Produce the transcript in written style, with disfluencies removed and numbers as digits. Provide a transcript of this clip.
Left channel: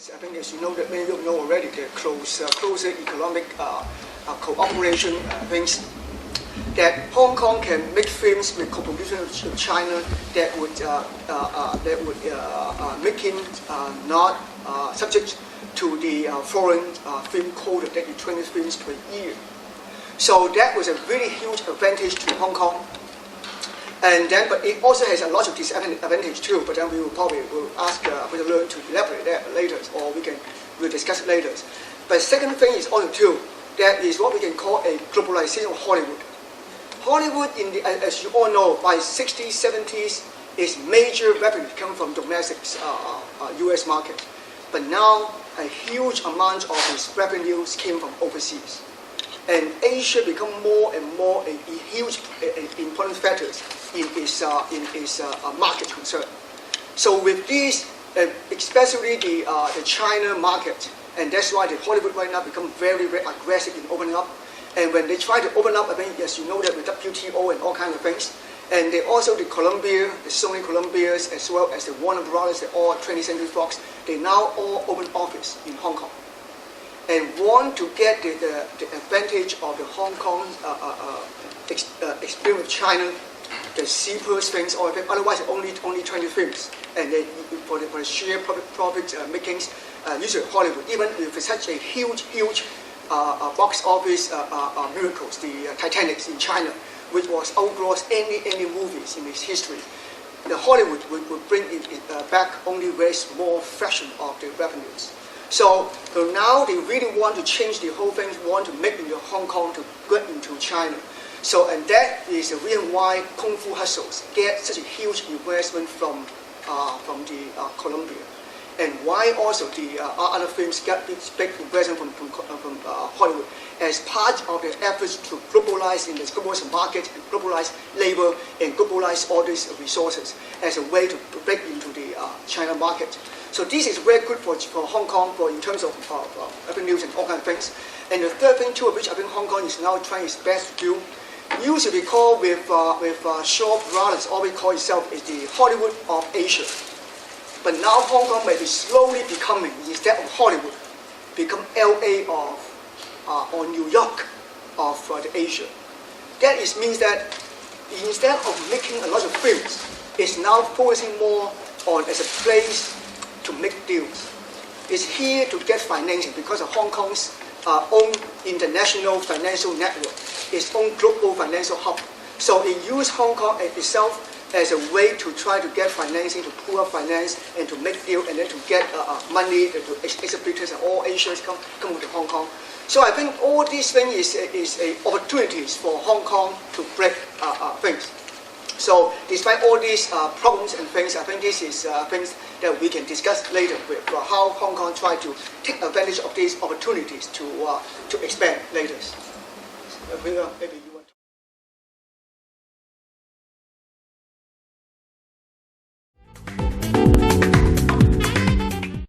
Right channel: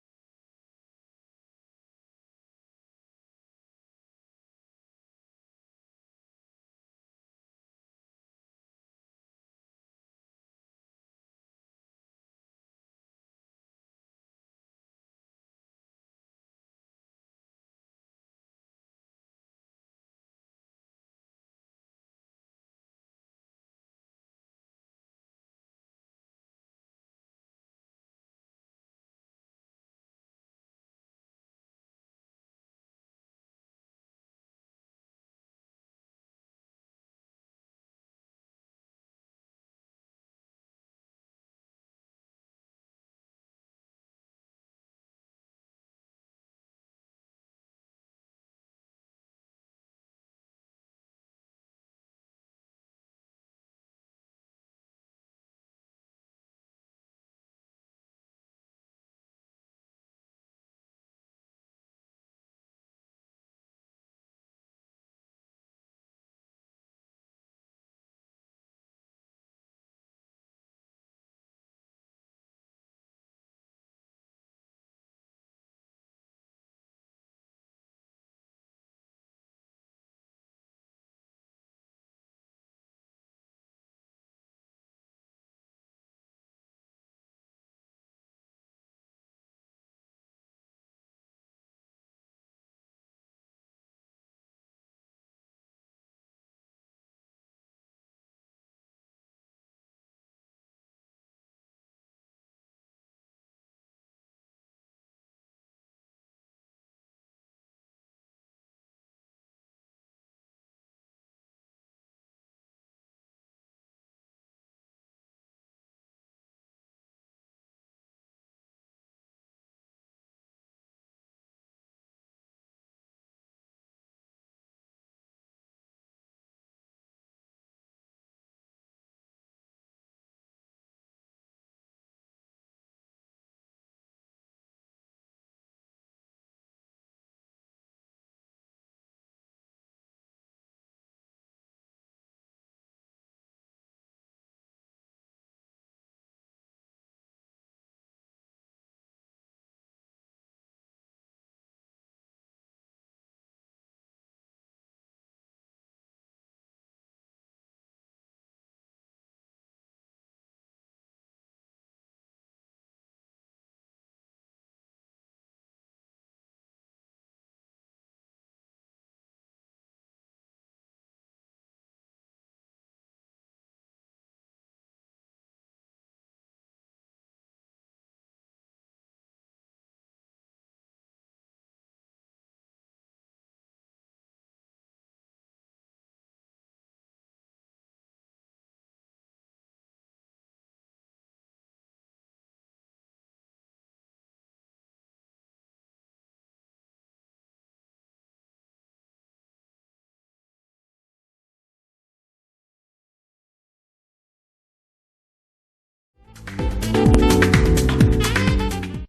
I think, as you know, that many of you know already, the closer economic cooperation things. That Hong Kong can make films with co-production with China that would make him not subject to the foreign film quota that is 20 films per year. So that was a really huge advantage to Hong Kong. And then, but it also has a lot of disadvantage too. But then we will probably ask Mr. Leung to elaborate that later, or we'll discuss it later. But second thing is also too, that is what we can call a globalization of Hollywood. Hollywood, as you all know, by 60s, 70s, its major revenue come from domestic U.S. market. But now, a huge amount of its revenues came from overseas. And Asia become more and more a huge important factor in its market concern. So with this, especially the China market, and that's why the Hollywood right now become very, very aggressive in opening up. And when they try to open up, I mean, as you know, that with WTO and all kinds of things, and they also the Columbia, the Sony Columbias, as well as the Warner Brothers, all 20th Century Fox, they now all open office in Hong Kong, and want to get the advantage of the Hong Kong experience with China, the cheapest things, or otherwise only 20 films, and they, for the sheer profit makings, usually Hollywood, even with such a huge box office miracles, the Titanic in China, which was outgross any movies in its history. The Hollywood would bring it back only very small fraction of the revenues. So now they really want to change the whole thing, want to make into Hong Kong to get into China. So, and that is the reason why Kung Fu Hustles get such a huge investment from the Columbia. And why also the other films get big investment from Hollywood as part of their efforts to globalize in the global market and globalize labor and globalize all these resources as a way to break into the China market. So this is very good for Hong Kong in terms of revenues and all kinds of things. And the third thing too, which I think Hong Kong is now trying its best to do, usually called with Shaw Brothers, always call itself is the Hollywood of Asia. But now Hong Kong may be slowly becoming, instead of Hollywood, become LA or New York of the Asia. That means that instead of making a lot of films, it's now focusing more on as a place to make deals. It's here to get financing because of Hong Kong's own international financial network, its own global financial hub. So it uses Hong Kong itself as a way to try to get financing, to pull up finance, and to make deals, and then to get money to exhibitors and all Asians come to Hong Kong. So I think all these things is opportunities for Hong Kong to break things. So despite all these problems and things, I think this is things that we can discuss later with how Hong Kong try to take advantage of these opportunities to expand later. Maybe you want to.